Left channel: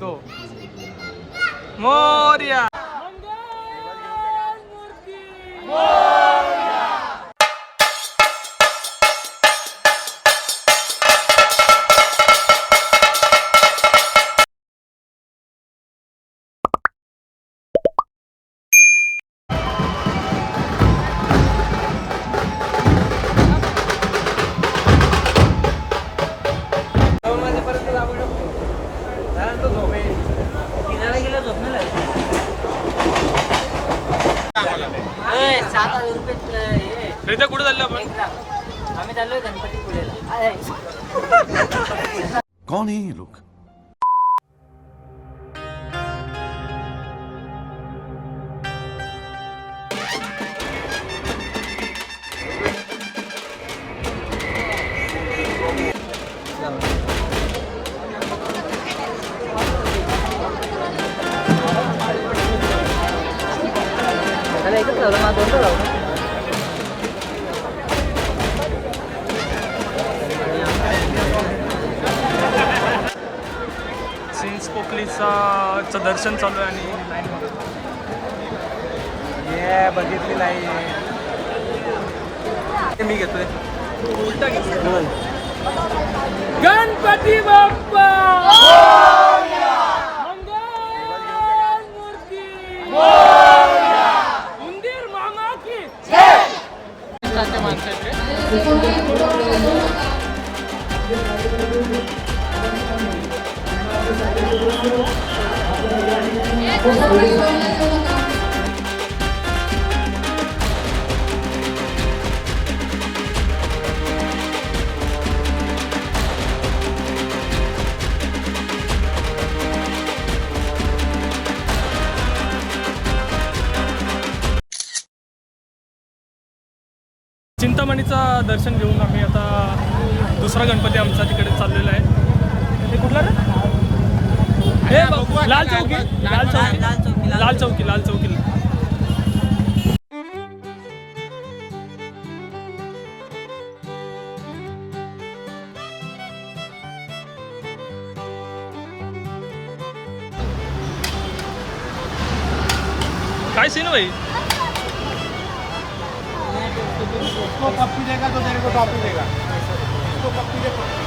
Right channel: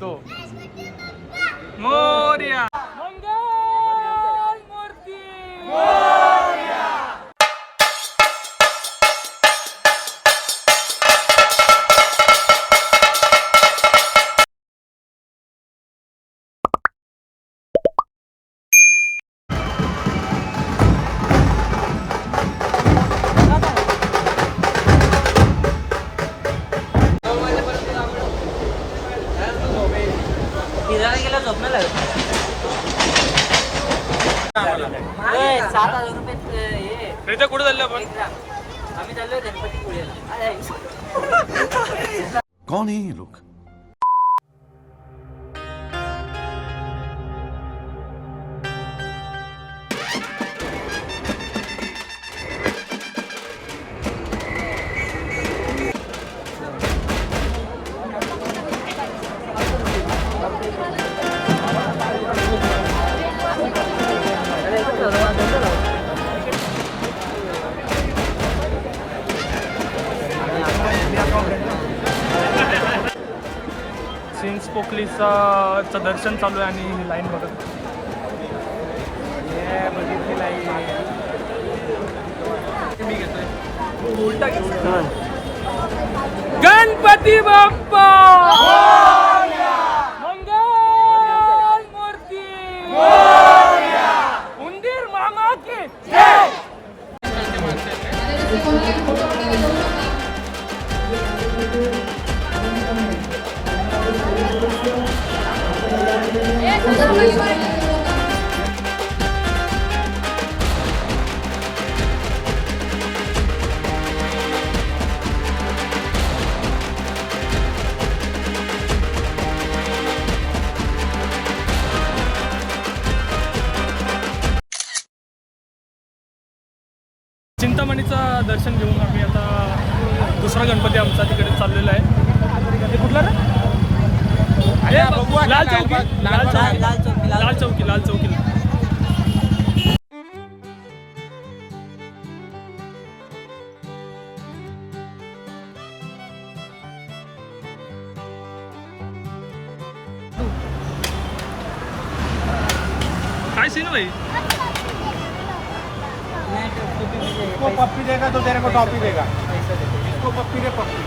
तो मोरया कुठे चाललो आपण? आम्ही चाललोय गणपतीपुळेला. कौन है ये लोग? पोकलीचा दर्शन चालू आहे आणि लाईन बघत मी घेतोय गणपती बाप्पा मंगल मूर्ती उंदीर मामा की जय. चिंतामणीचा दर्शन घेऊन आम्ही आता दुसरा गणपती आमचा तिकडे चाललेला आहे. हे कुठला रे? हे लाल चौकी. लाल चौकी. काय सीन भाई? उसको पप्पी देगा तो तेरे को टॉपी देगा. उसको पप्पी दे पप्पी.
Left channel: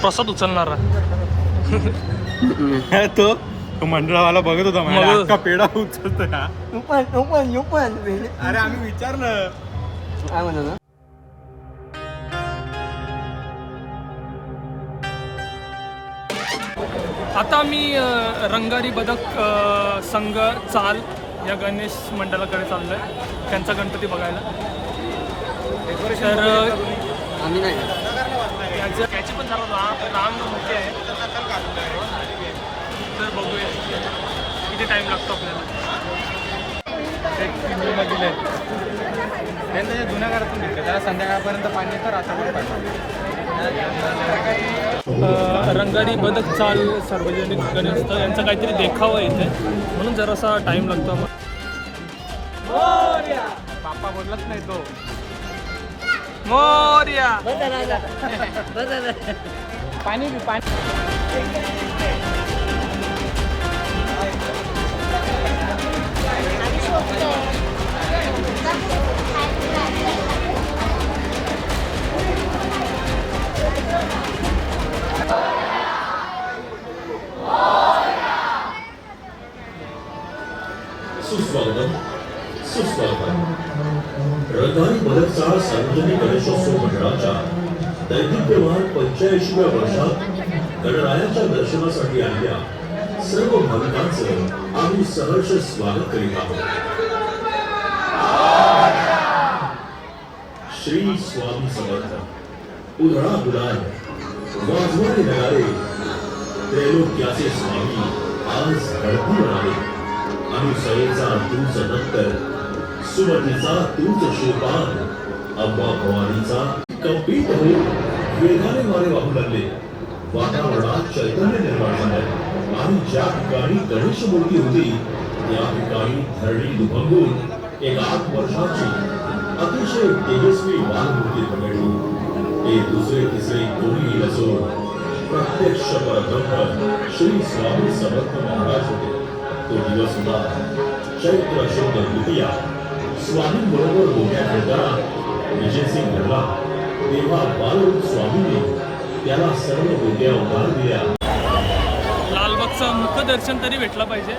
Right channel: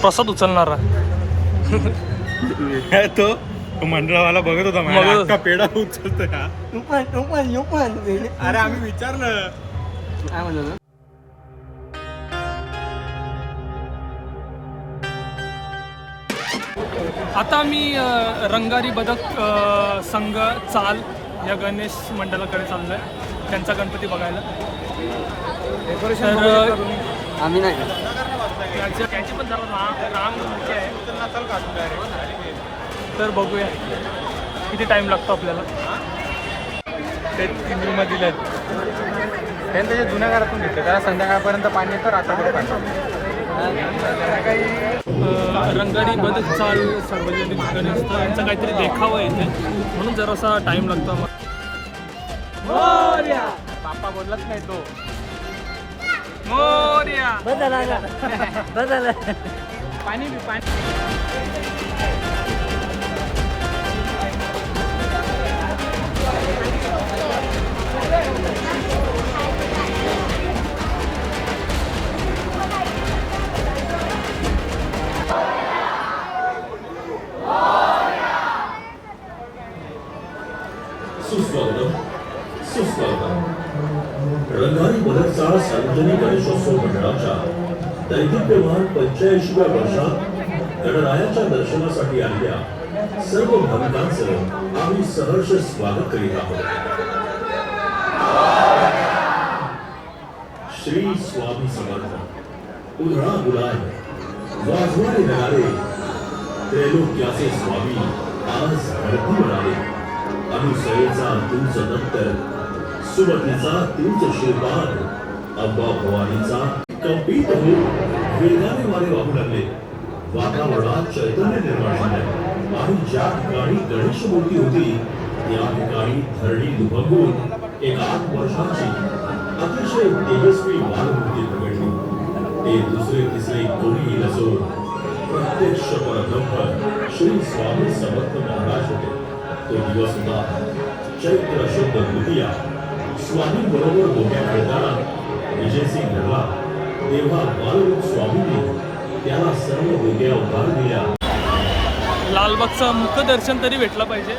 प्रसाद उचलणारा तो मंडळावाला बघत होता माझ्या अख्खा पेढा उचलतो का. अरे आम्ही विचारलं काय म्हणतो. आता मी रंगारी बदक संघ चाल या गणेश मंडळाकडे चाललोय त्यांचा गणपती बघायला. तर आम्ही नाही त्याची पण जरा रांग मोठी आहे. तर बघूया किती टाइम लागतो आपल्याला. ते 3 रूम दिले आहेत. त्यांनी त्याच्या जुन्या घरातून घेतले. त्याला संध्याकाळपर्यंत पाणी येतं, रात्रभर पाणी. रंगारी बदक चाल सार्वजनिक गणेश यांचा काहीतरी देखावा येते म्हणून जरासा टाइम लागतो आम्हाला. बाप्पा बोललाच नाही तो. मोरया पाणी सुस्वागतम. रंगारी बदकचा सार्वजनिक गणेशोत्सव मंडळाच्या दैदिप्यमान 85व्या वर्षात गणरायाच्या दर्शनासाठी आलेल्या सर्व भाविकांचं आम्ही सहर्ष स्वागत करीत आहोत. श्री स्वामी समर्थ. उधळा गुलाल, वाजवारे नगारे, त्रैलोक्याचे स्वामी आज घडून आले. अनुसयेचा तूच नंतर, सुमतीचा तूच श्रीपाद, अंबा भवानीचा कंपित होऊन वेगाने वारे वाहू लागले. वातावरणात चैतन्य निर्माण झालं आणि ज्या ठिकाणी गणेश मूर्ती होती त्या ठिकाणी धरणी दुभंगून एक 8 वर्षाची अतिशय तेजस्वी बालमूर्ती प्रगटली. ते दुसरे तिसरे कोणी नसून प्रत्यक्ष परब्रह्म श्री स्वामी समर्थ महाराज होते. तो दिवस होता चैत्र शुद्ध द्वितीया. स्वामी बरोबर बोलण्या खेळताना विजयसिंग घडला तेव्हा बालरूप स्वामींनी त्याला सर्व बोलण्या उभार दिल्या. लालबागचं मुखदर्शन तरी भेटलं पाहिजे,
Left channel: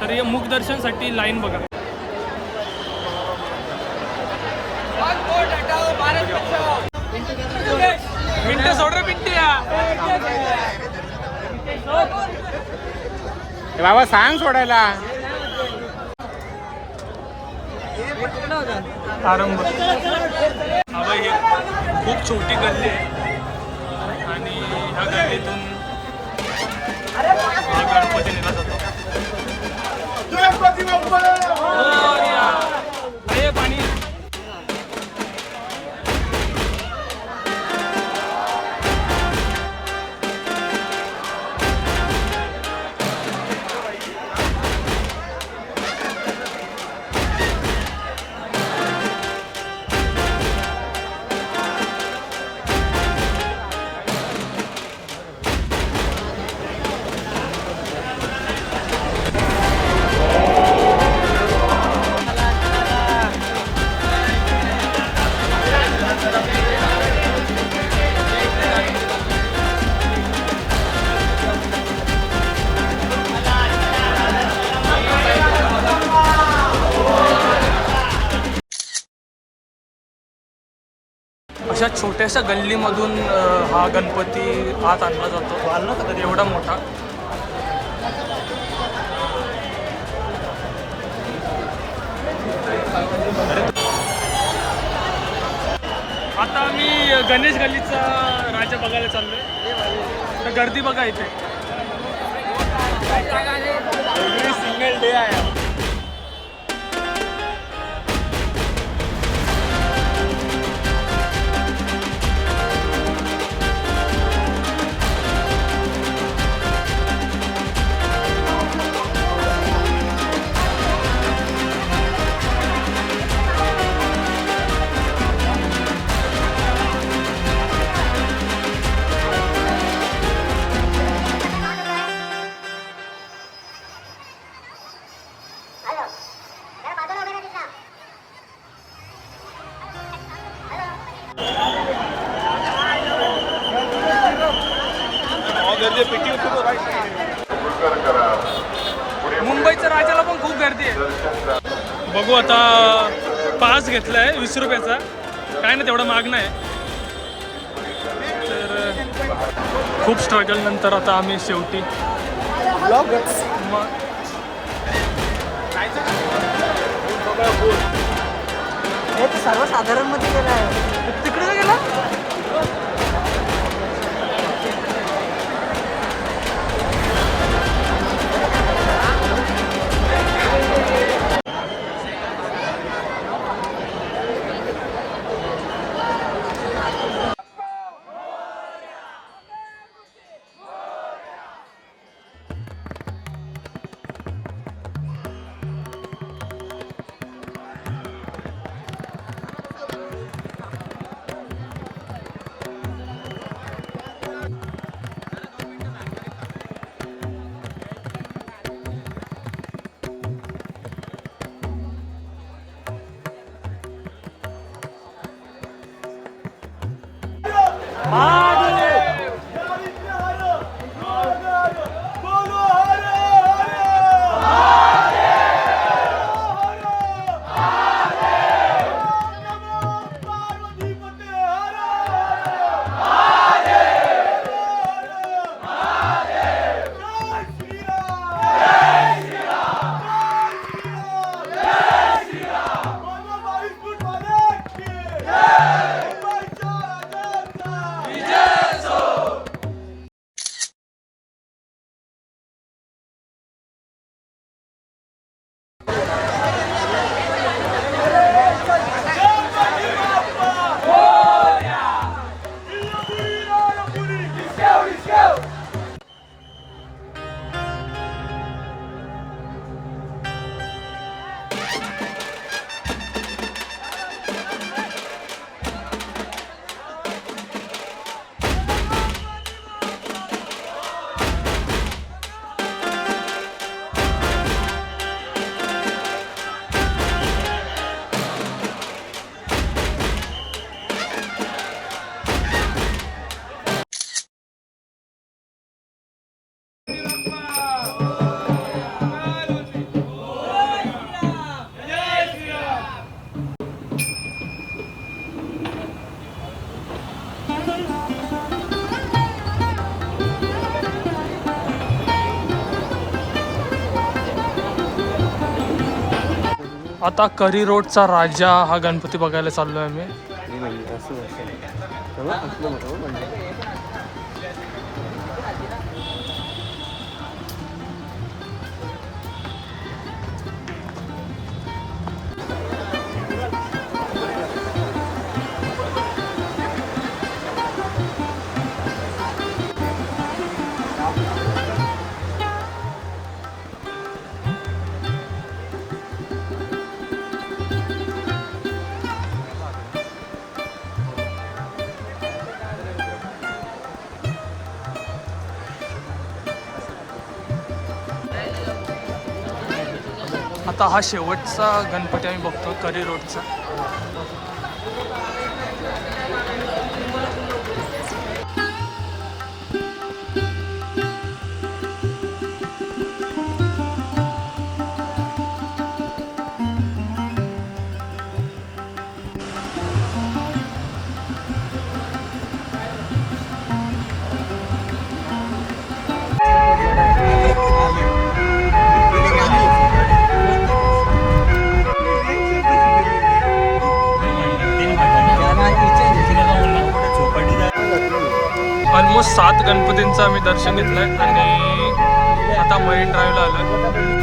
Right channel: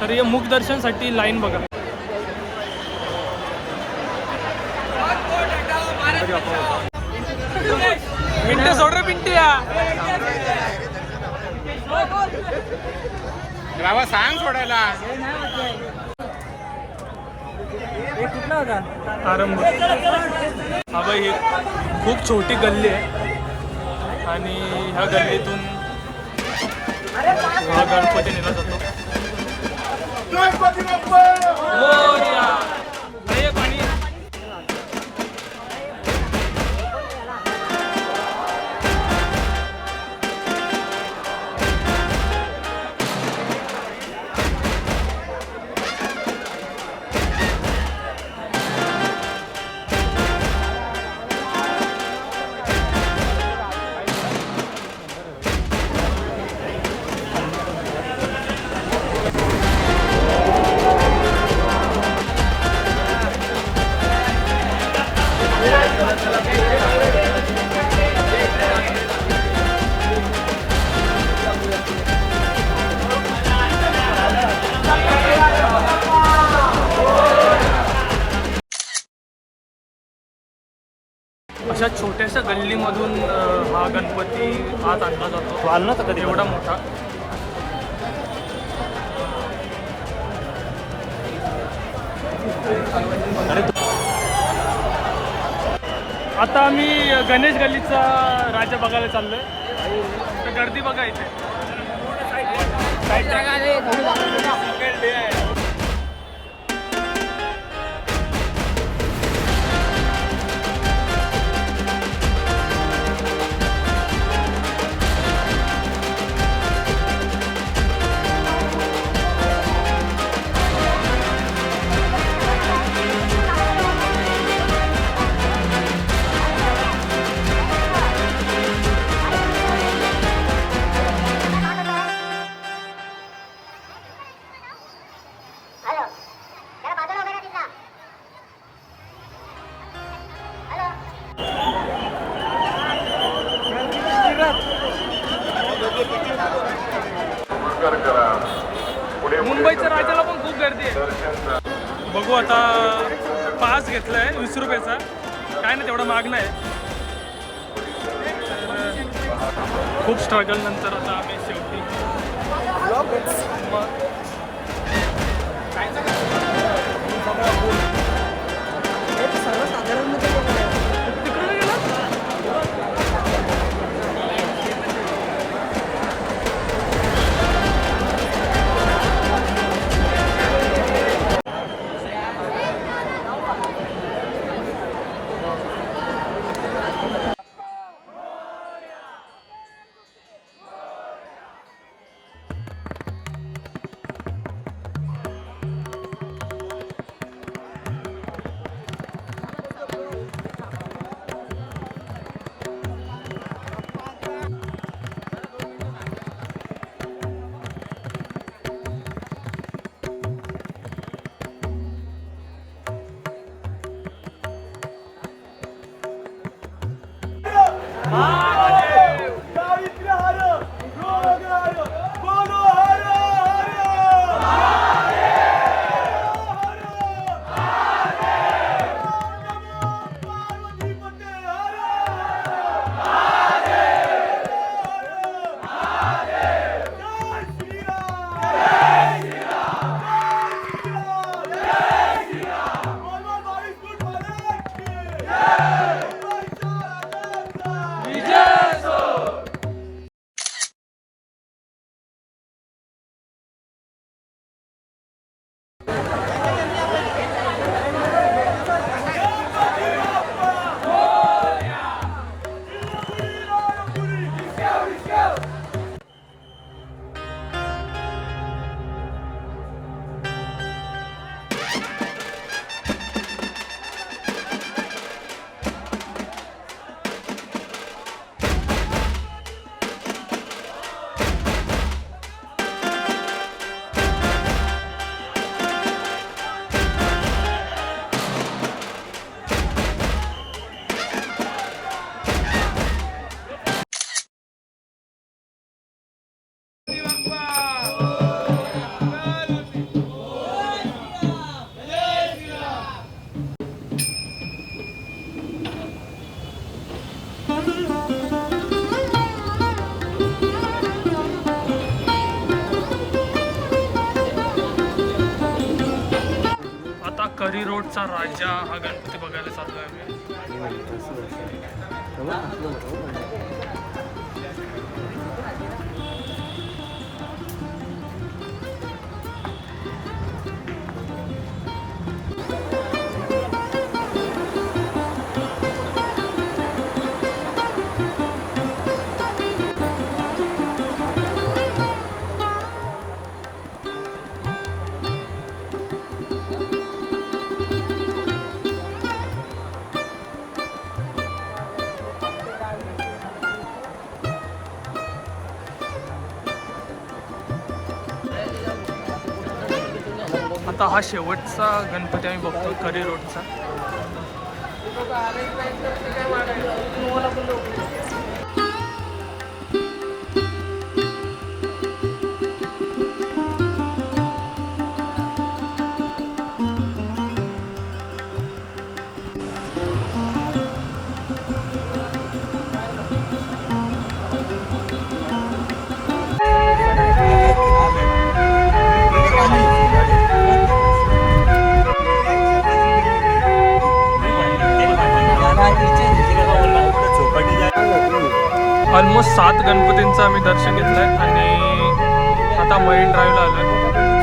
तर या मुखदर्शनसाठी लाईन बघा. मिनटं सोड रे पिंट्या. बाबा सांग सोडायला. आरंभ. हा बाई, ही खूप छोटी गल्ली आहे आणि ह्या गल्लीतून हा गणपती नेला जातो. मोरया. अरे पाणी. अशा छोट्याशा गल्लीमधून हा गणपती आत आणला जातो. एवढा मोठा. आता आम्ही गणेश गल्लीचा राजा बघायला चाललोय. तर गर्दी बघा इथे. मुंबईच्या राजाला पण खूप गर्दी आहे. बघू आता. पास घेतलाय 20 रुपयाचा. काय ना तेवढा मागणं आहे. तर खूप स्ट्रगल नंतर आता आम्ही शेवटी तिकडे गेला. महादेव! आता करी रोडचा राजा हा गणपती बघायला चाललोय आम्ही. आता हा शेवटचा गणपती आम्ही बघतो करी रोडचा. ऑलमोस्ट 7 गणपतींचं आम्ही दर्शन घेतलंय आणि आता मरीन ड्राईव्हला आलोय.